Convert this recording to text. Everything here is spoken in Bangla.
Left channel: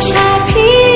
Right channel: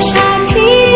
সাথী